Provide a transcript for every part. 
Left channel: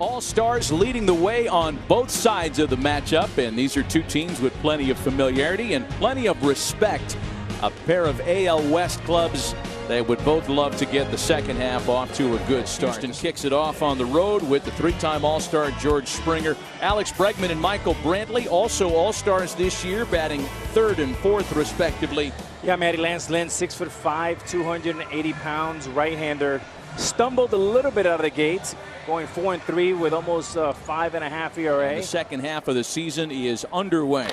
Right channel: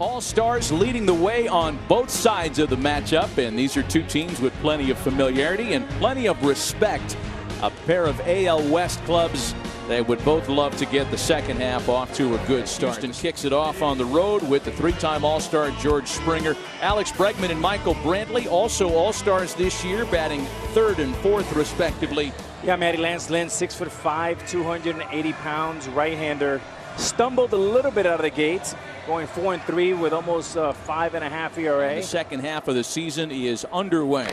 All-Stars leading the way on both sides of the matchup, and these are two teams with plenty of familiarity and plenty of respect. A pair of AL West clubs that would both love to get the second half off to a good start. Houston kicks it off on the road with the three-time All-Star George Springer. Alex Bregman and Michael Brantley, also All-Stars this year, batting third and fourth respectively. Yeah, Matty Lance Lynn, 6'5", 280 pounds, right-hander. Stumbled a little bit out of the gates, going 4-3 with almost 5.5 ERA. The second half of the season is underway.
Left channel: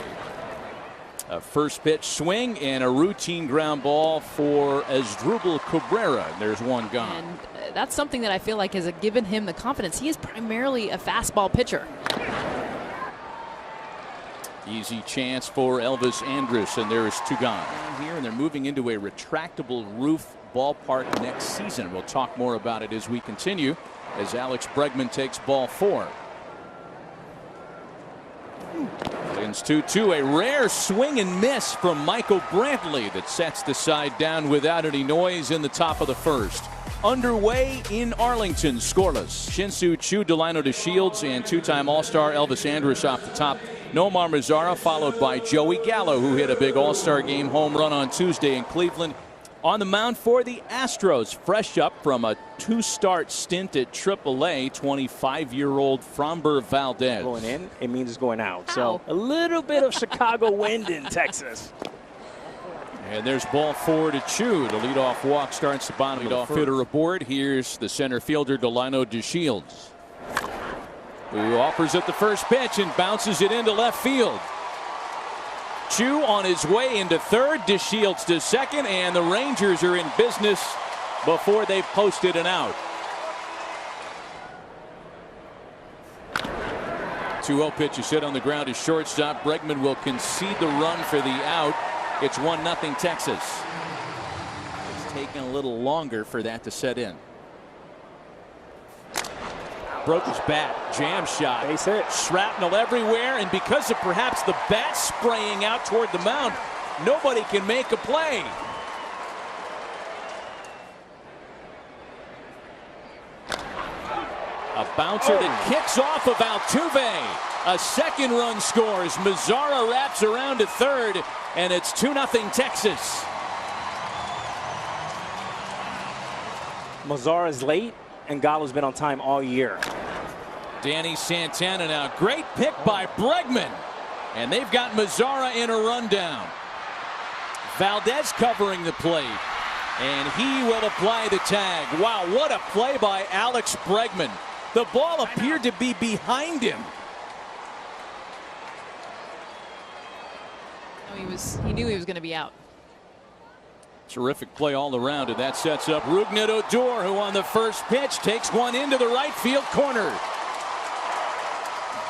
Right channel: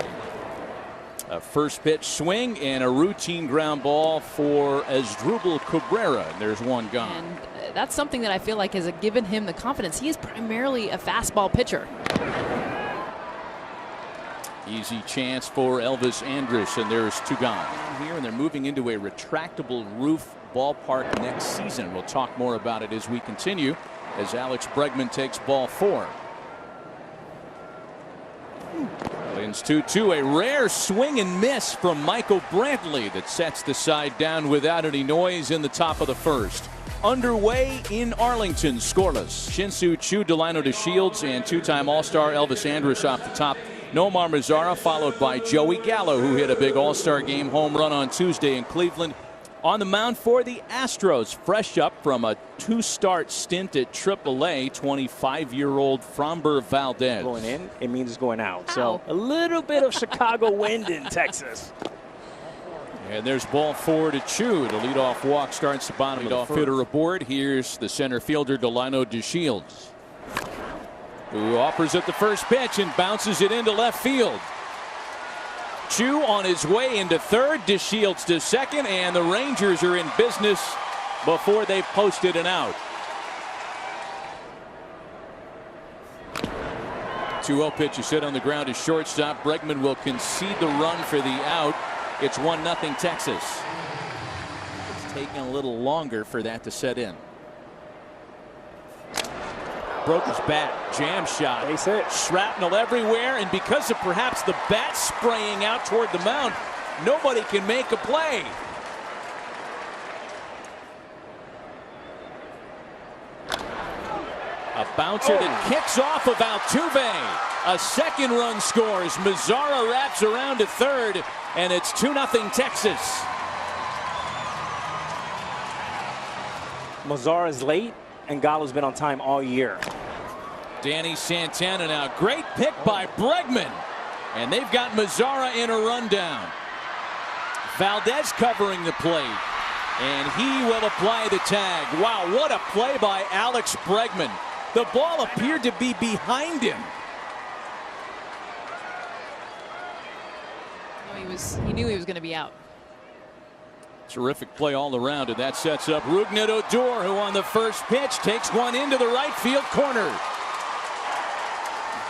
A first pitch swing and a routine ground ball for Asdrubal Cabrera. There's one gone. And that's something that I feel like has given him the confidence. He is primarily a fastball pitcher. Easy chance for Elvis Andrus, and there's two gone. Down here, and they're moving into a retractable roof ballpark next season. We'll talk more about it as we continue, as Alex Bregman takes ball 4. It's 2-2, a rare swing and miss from Michael Brantley that sets the side down without any noise in the top of the first. Underway in Arlington, scoreless. Shin-Soo Choo, Delino DeShields, and two-time All-Star Elvis Andrus off the top. Nomar Mazara followed by Joey Gallo, who hit a big All-Star game home run on Tuesday in Cleveland. On the mound for the Astros, fresh up from a 2-start stint at AAA, 25-year-old Framber Valdez. Going in, it means it's going out. So a little bit of Chicago wind in Texas. And there's ball 4 to Choo. The leadoff walk starts the bottom of the hitter aboard. Here's the center fielder, Delino DeShields, who offers at the first pitch and bounces it into left field. Choo on his way into third, DeShields to second, and the Rangers are in business before they've posted an out. 2-0 pitch is hit on the ground to shortstop. Bregman will concede the run for the out. It's 1-0 Texas. It's taken a little longer for that to set in. Broke his bat, jam shot, Base hit. Shrapnel everywhere, and because of perhaps the bat spraying out toward the mound, nobody can make a play. A bouncer that kicks off of Altuve. A second run scores. Mazara wraps around to third, and it's 2-0 Texas. Mazara's late, and Gallo's been on time all year. Danny Santana now. Great pick by Bregman. And they've got Mazara in a rundown. Valdez covering the plate. And he will apply the tag. Wow, what a play by Alex Bregman. The ball appeared to be behind him. He knew he was going to be out. Terrific play all around, and that sets up Rougned Odor, who on the first pitch takes one into the right field corner.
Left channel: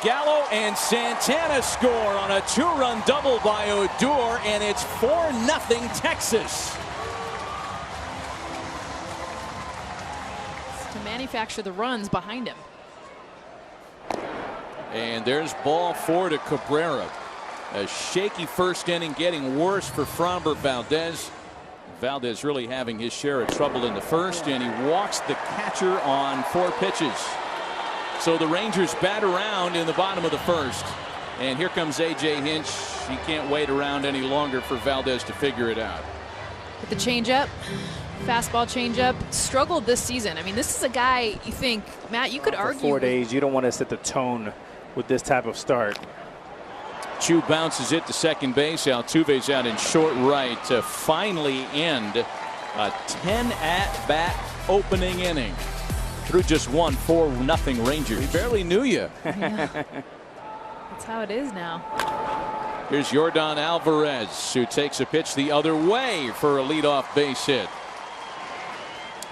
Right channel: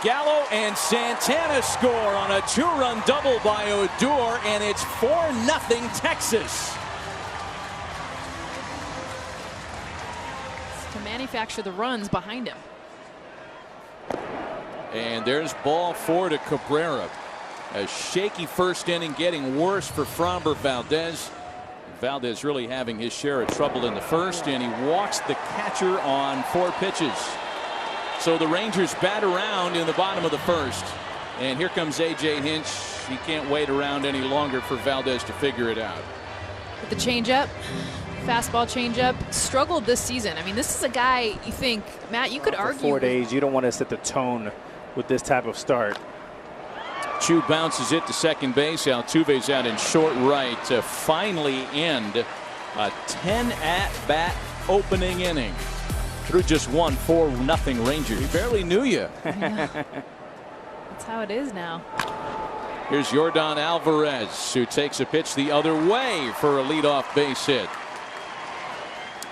Gallo and Santana score on a 2-run double by Odor, and it's 4-0 Texas. To manufacture the runs behind him. And there's ball 4 to Cabrera. A shaky first inning, getting worse for Framber Valdez. Valdez really having his share of trouble in the first, and he walks the catcher on 4 pitches. So the Rangers bat around in the bottom of the first. And here comes A.J. Hinch. He can't wait around any longer for Valdez to figure it out. With the changeup, fastball changeup, struggled this season. I mean, this is a guy you think, Matt, you could argue. For 4 days, you don't want to set the tone with this type of start. Choo bounces it to second base. Altuve's out in short right to finally end a 10 at-bat opening inning. Through just 4-0 Rangers. We barely knew you. Yeah. That's how it is now. Here's Yordan Alvarez, who takes a pitch the other way for a leadoff base hit.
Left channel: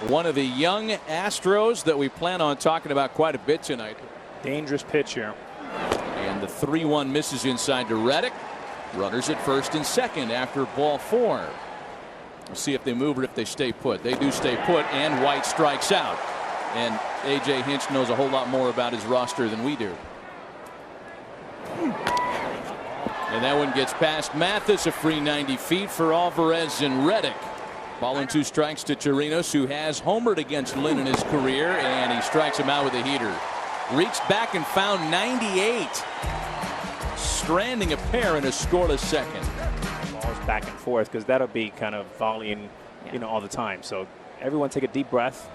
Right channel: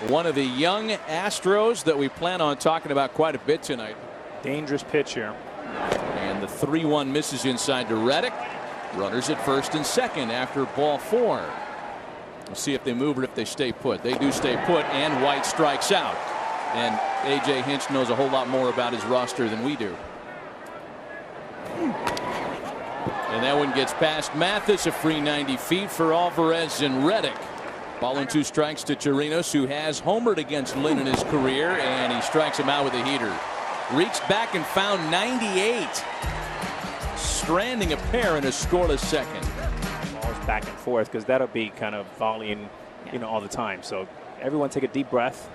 One of the young Astros that we plan on talking about quite a bit tonight. Dangerous pitch here. And the 3-1 misses inside to Reddick. Runners at first and second after ball 4. We'll see if they move or if they stay put. They do stay put, and White strikes out. And A.J. Hinch knows a whole lot more about his roster than we do. And that one gets past Mathis, a free 90 feet for Alvarez and Reddick. Ball and 2 strikes to Chirinos, who has homered against Lynn in his career, and he strikes him out with a heater. Reached back and found 98. Stranding a pair in a scoreless second. Balls back and forth because that'll be kind of volleying, all the time. So everyone take a deep breath.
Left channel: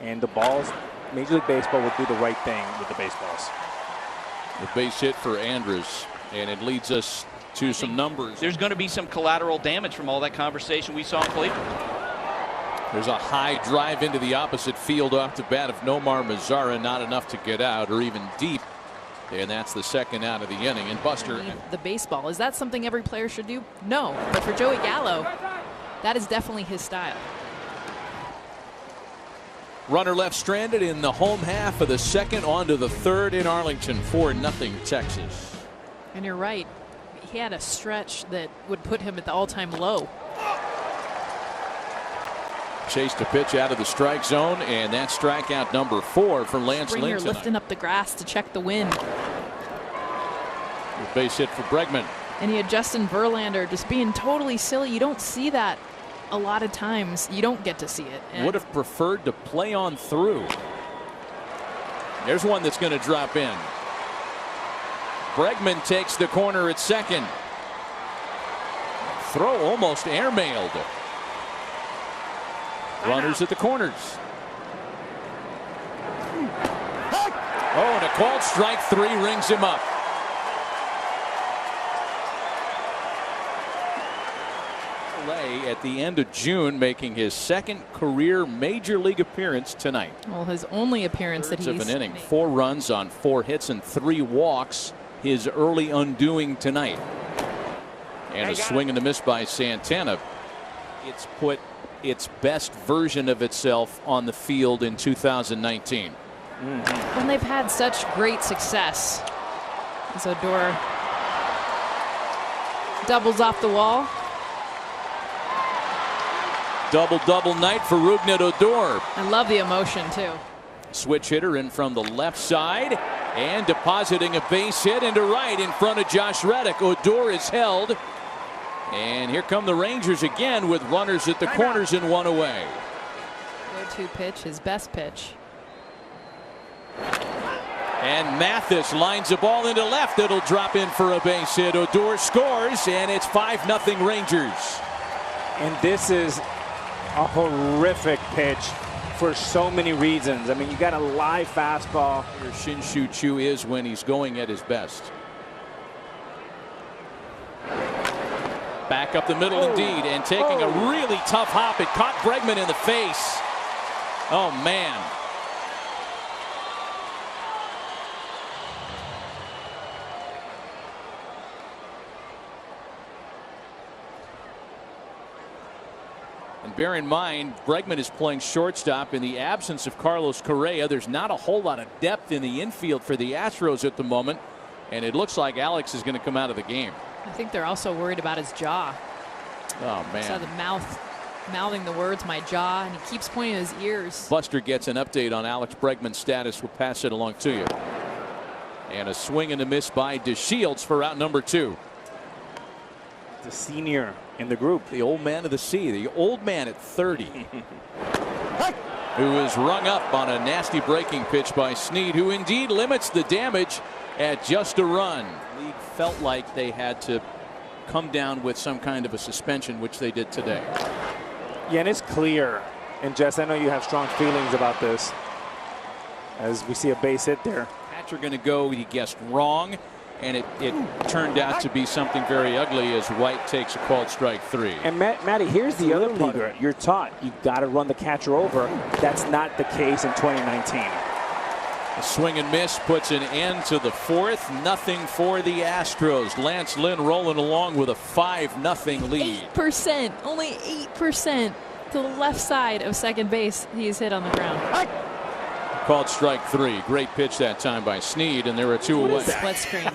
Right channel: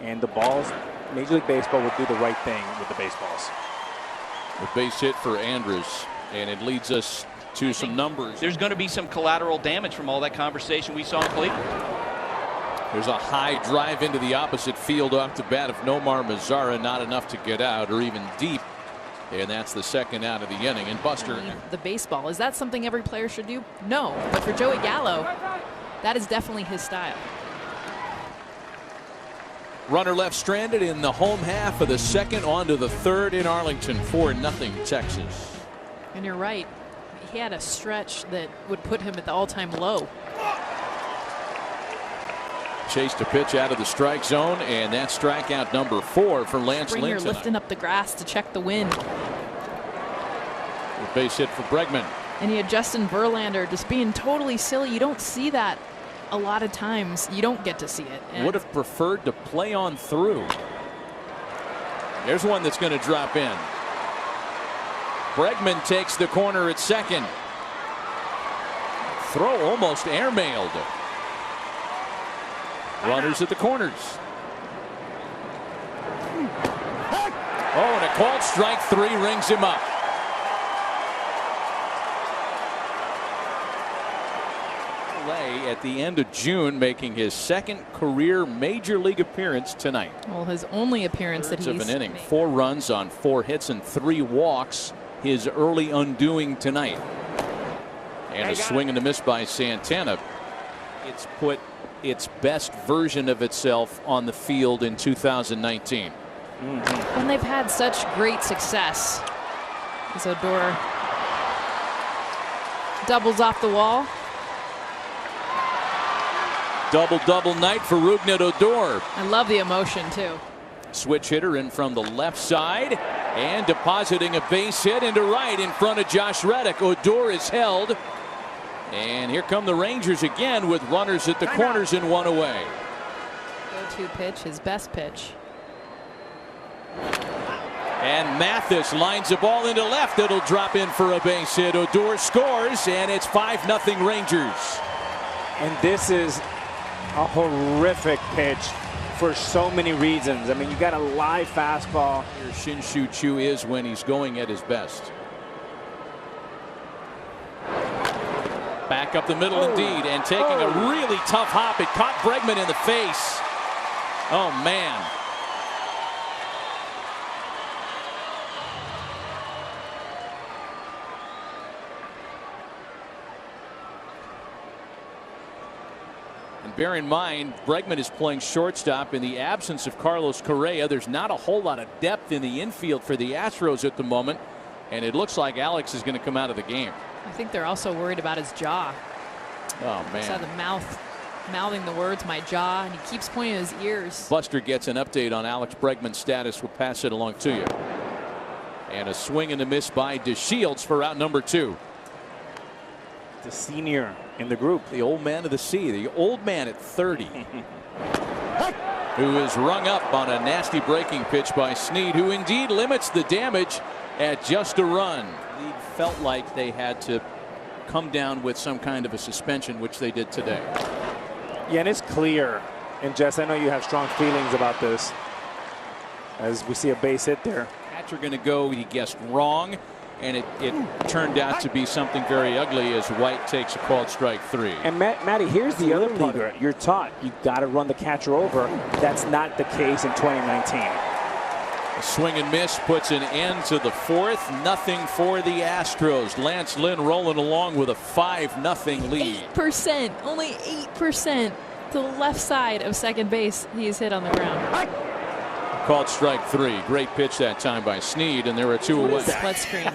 And the balls, Major League Baseball will do the right thing with the baseballs. A base hit for Andrus. And it leads us to some numbers. There's going to be some collateral damage from all that conversation we saw in Cleveland. There's a high drive into the opposite field off the bat of Nomar Mazara. Not enough to get out or even deep. And that's the second out of the inning. And Buster. The baseball, is that something every player should do? No. But for Joey Gallo, that is definitely his style. Runner left stranded in the home half of the second, on to the third in Arlington. 4-0 Texas. And you're right. He had a stretch that would put him at the all-time low. Chased a pitch out of the strike zone, and that's strikeout number 4 for Lance Lynn. Lifting up the grass to check the wind. A base hit for Bregman. And you had Justin Verlander just being totally silly. You don't see that a lot of times. You don't get to see it. Would have preferred to play on through. There's one that's going to drop in. Bregman takes the corner at second. Throw almost airmailed. Runners at the corners. Oh, and a called strike 3 rings him up. At the end of June, making his second career major league appearance tonight. Well, his only appearance that he's of an inning. 4 runs on 4 hits and 3 walks. His early undoing tonight. And a swing and a miss by Santana. It's put its best version of itself on the field in 2019. When they've had such great success. As Odor doubles off the wall. Double night for Rougned Odor. I love the emotion too. Switch hitter in from the left side and depositing a base hit into right in front of Josh Reddick. Odor is held. And here come the Rangers again with runners at the corners and 1 away. Go-to pitch, his best pitch. And Mathis lines the ball into left. It'll drop in for a base hit. Odor scores, and it's 5-0 Rangers. And this is a horrific pitch for so many reasons. I mean, you got a live fastball. Shin-Soo Choo is when he's going at his best. Back up the middle indeed, and taking a really tough hop. It caught Bregman in the face. Oh, man. And bear in mind, Bregman is playing shortstop in the absence of Carlos Correa. There's not a whole lot of depth in the infield for the Astros at the moment, and it looks like Alex is going to come out of the game. I think they're also worried about his jaw. Oh, man. Saw the mouthing the words, my jaw, and he keeps pointing his ears. Buster gets an update on Alex Bregman's status. We'll pass it along to you. And a swing and a miss by DeShields for out number 2. The senior in the group. The old man of the sea, the old man at 30. Who is rung up on a nasty breaking pitch by Snead, who indeed limits the damage at just a run. Snead felt like they had to come down with some kind of a suspension, which they did today. Yeah, and it's clear. And Jess, I know you have strong feelings about this as we see a base hit there. Cats are going to go, he guessed wrong, and it turned out to be something very ugly as White takes a called strike 3. And Matty, here's the other part. You're taught you got to run the catcher over. That's not the case in 2019. A swing and miss puts an end to the 4th. Nothing for the Astros. Lance Lynn rolling along with a 5-0 lead. 8%, only 8% to the left side of second base. He is hit on the ground. Called strike 3. Great pitch that time by Snead, and there are 2 away. Split screen.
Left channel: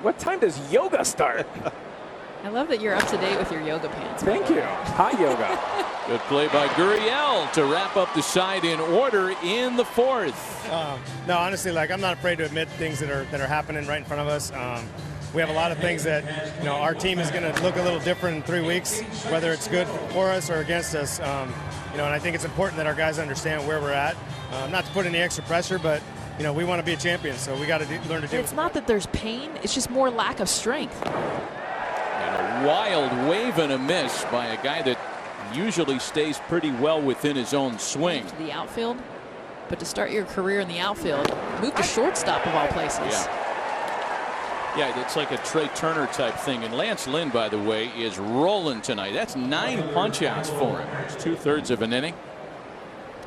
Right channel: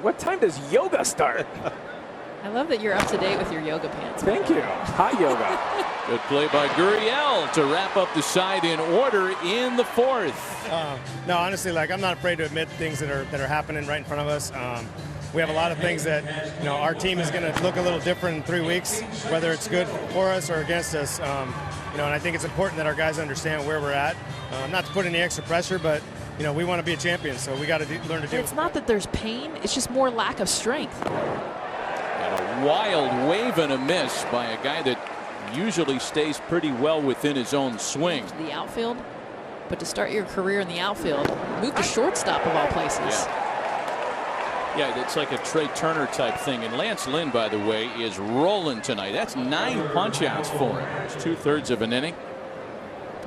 What time does yoga start? I love that you're up to date with your yoga pants. Thank you. Hot yoga. Good play by Gurriel to wrap up the side in order in the 4th. No, honestly, I'm not afraid to admit things that are happening right in front of us. We have a lot of things that our team is going to look a little different in 3 weeks, whether it's good for us or against us. And I think it's important that our guys understand where we're at. Not to put any extra pressure, but we want to be a champion, so we got to learn to do it. It's not that there's pain, it's just more lack of strength. And a wild wave and a miss by a guy that usually stays pretty well within his own swing. To the outfield, but to start your career in the outfield, move to shortstop of all places. Yeah, it's like a Trey Turner type thing. And Lance Lynn, by the way, is rolling tonight. That's 9 punch-outs for him. It's 2/3 of an inning.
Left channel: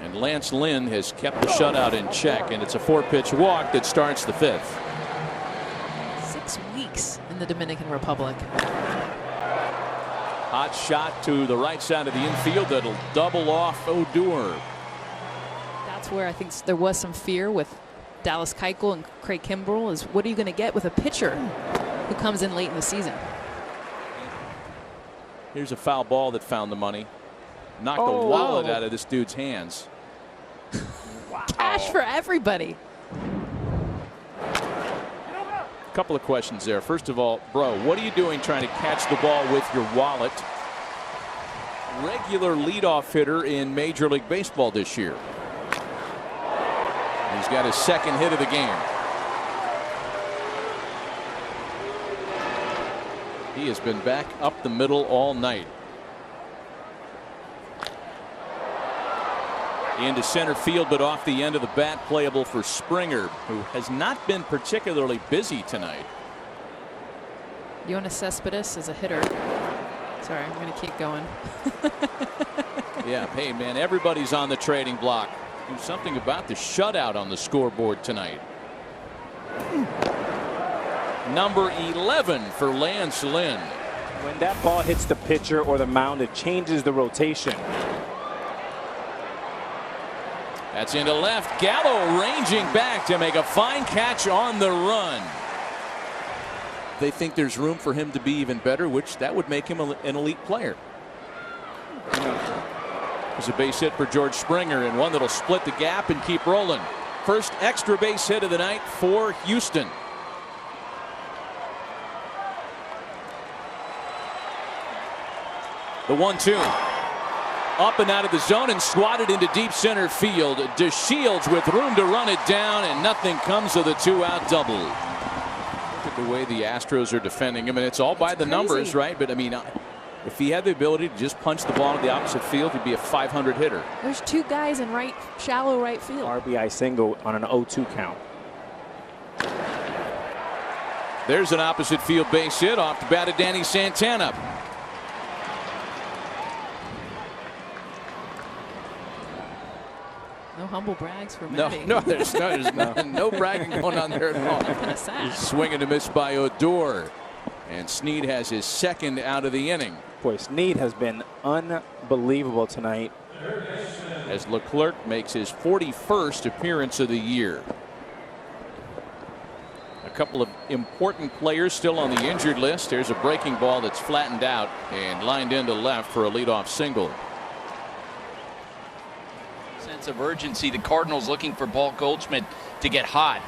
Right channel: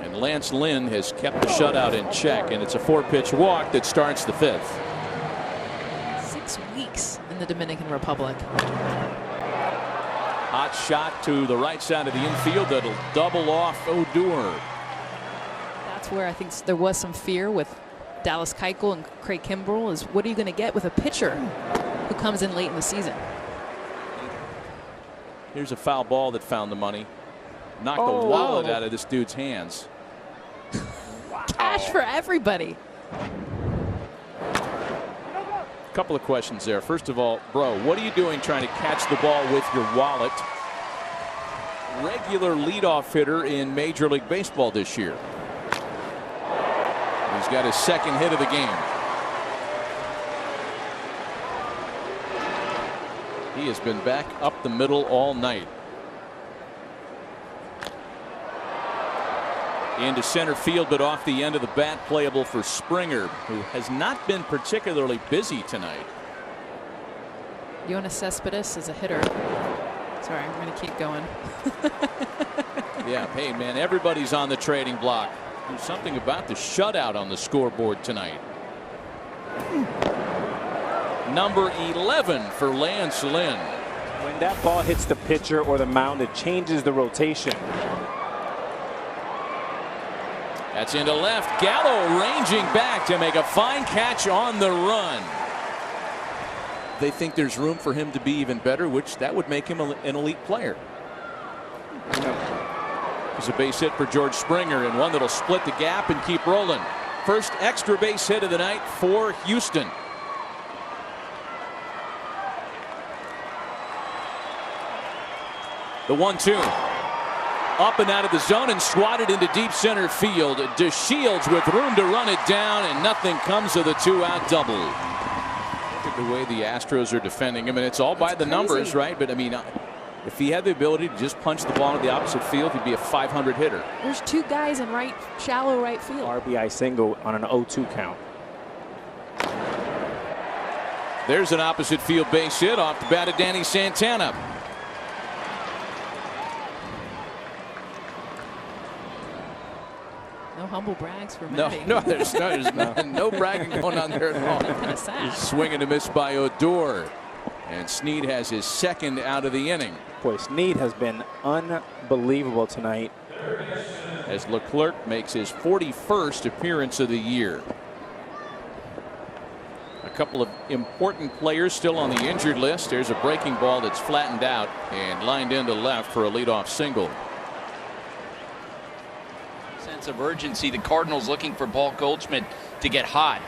And Lance Lynn has kept the shutout in check. And it's a 4-pitch walk that starts the 5th. 6 weeks in the Dominican Republic. Hot shot to the right side of the infield. That'll double off Odor. That's where I think there was some fear with Dallas Keuchel and Craig Kimbrell, is what are you going to get with a pitcher who comes in late in the season? Here's a foul ball that found the money. Knocked the wallet out of this dude's hands. Wow. Cash for everybody. A couple of questions there. First of all, bro, what are you doing trying to catch the ball with your wallet? Regular leadoff hitter in Major League Baseball this year. He's got his 2nd hit of the game. He has been back up the middle all night. Into center field, but off the end of the bat, playable for Springer, who has not been particularly busy tonight. Yoenis Cespedes is a hitter. Sorry, I'm going to keep going. Yeah, hey man, everybody's on the trading block. Do something about the shutout on the scoreboard tonight. Number 11 for Lance Lynn. When that ball hits the pitcher or the mound, it changes the rotation. That's into left. Gallo ranging back to make a fine catch on the run. They think there's room for him to be even better, which that would make him an elite player. There's a base hit for George Springer, and one that'll split the gap and keep rolling. First extra base hit of the night for Houston. The 1-2. Up and out of the zone and swatted into deep center field. DeShields with room to run it down, and nothing comes of the 2-out double. Look at the way the Astros are defending him, and it's all by the numbers, right? But I mean, if he had the ability to just punch the ball in the opposite field, he'd be a 500 hitter. There's 2 guys in shallow right field. RBI single on an 0-2 count. There's an opposite field base hit off the bat of Danny Santana. No humble brags for No, there's no bragging going on there at all. Swing and a miss by Odor. And Snead has his 2nd out of the inning. Boy, Snead has been unbelievable tonight. As Leclerc makes his 41st appearance of the year. A couple of important players still on the injured list. There's a breaking ball that's flattened out and lined into left for a leadoff single. Sense of urgency. The Cardinals looking for Paul Goldschmidt to get hot.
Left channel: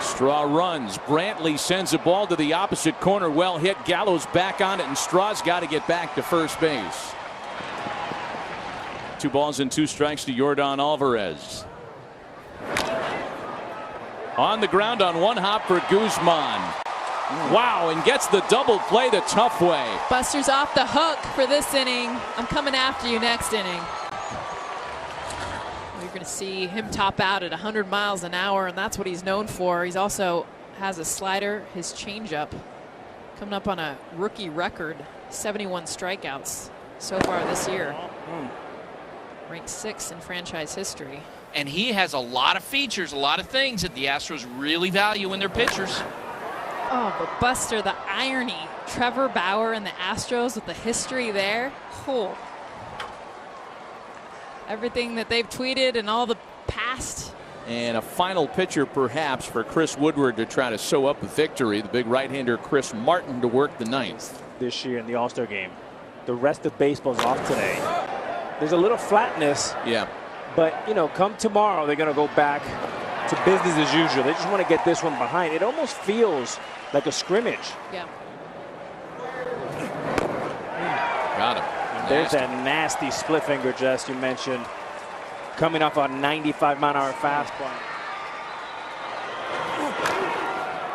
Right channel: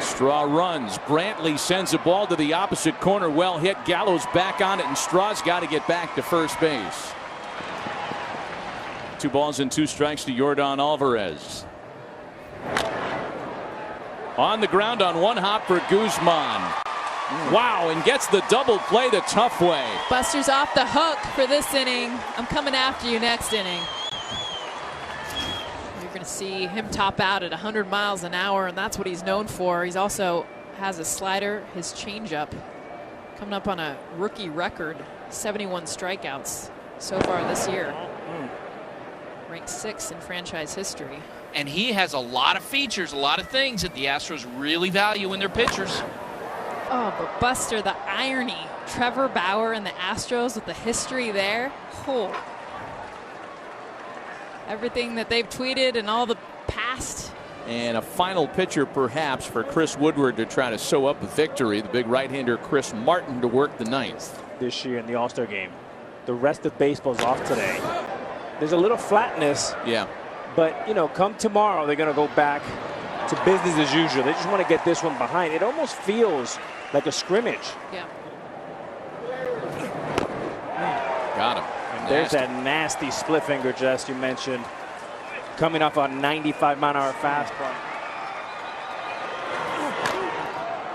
Straw runs. Brantley sends a ball to the opposite corner. Well hit. Gallo's back on it, and Straw's got to get back to first base. 2 balls and 2 strikes to Yordan Alvarez. On the ground on 1 hop for Guzman. Wow, and gets the double play the tough way. Buster's off the hook for this inning. I'm coming after you next inning. You're going to see him top out at 100 miles an hour, and that's what he's known for. He's also has a slider, his changeup, coming up on a rookie record, 71 strikeouts so far this year. Ranked 6th in franchise history. And he has a lot of features, a lot of things that the Astros really value in their pitchers. Oh, but Buster, the irony. Trevor Bauer and the Astros with the history there. Oh. Everything that they've tweeted and all the past. And a final pitcher perhaps for Chris Woodward to try to sew up a victory. The big right-hander Chris Martin to work the 9th. This year in the All-Star game. The rest of baseball's off today. There's a little flatness. Yeah. But, come tomorrow, they're going to go back to business as usual. They just want to get this one behind. It almost feels like a scrimmage. Yeah. Got him. And there's that nasty split finger, Jess, you mentioned, coming off a 95-mile-an-hour fastball.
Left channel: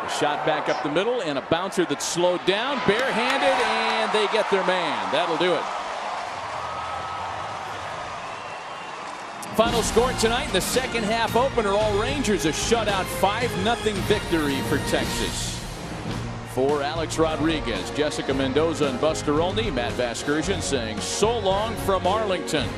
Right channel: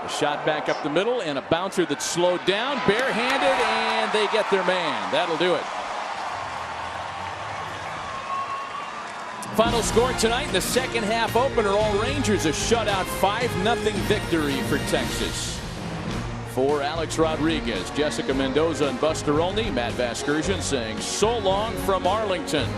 A shot back up the middle and a bouncer that's slowed down, barehanded, and they get their man. That'll do it. Final score tonight in the second half opener, all Rangers a shutout 5-0 victory for Texas. For Alex Rodriguez, Jessica Mendoza, and Buster Olney, Matt Vasgersian saying so long from Arlington.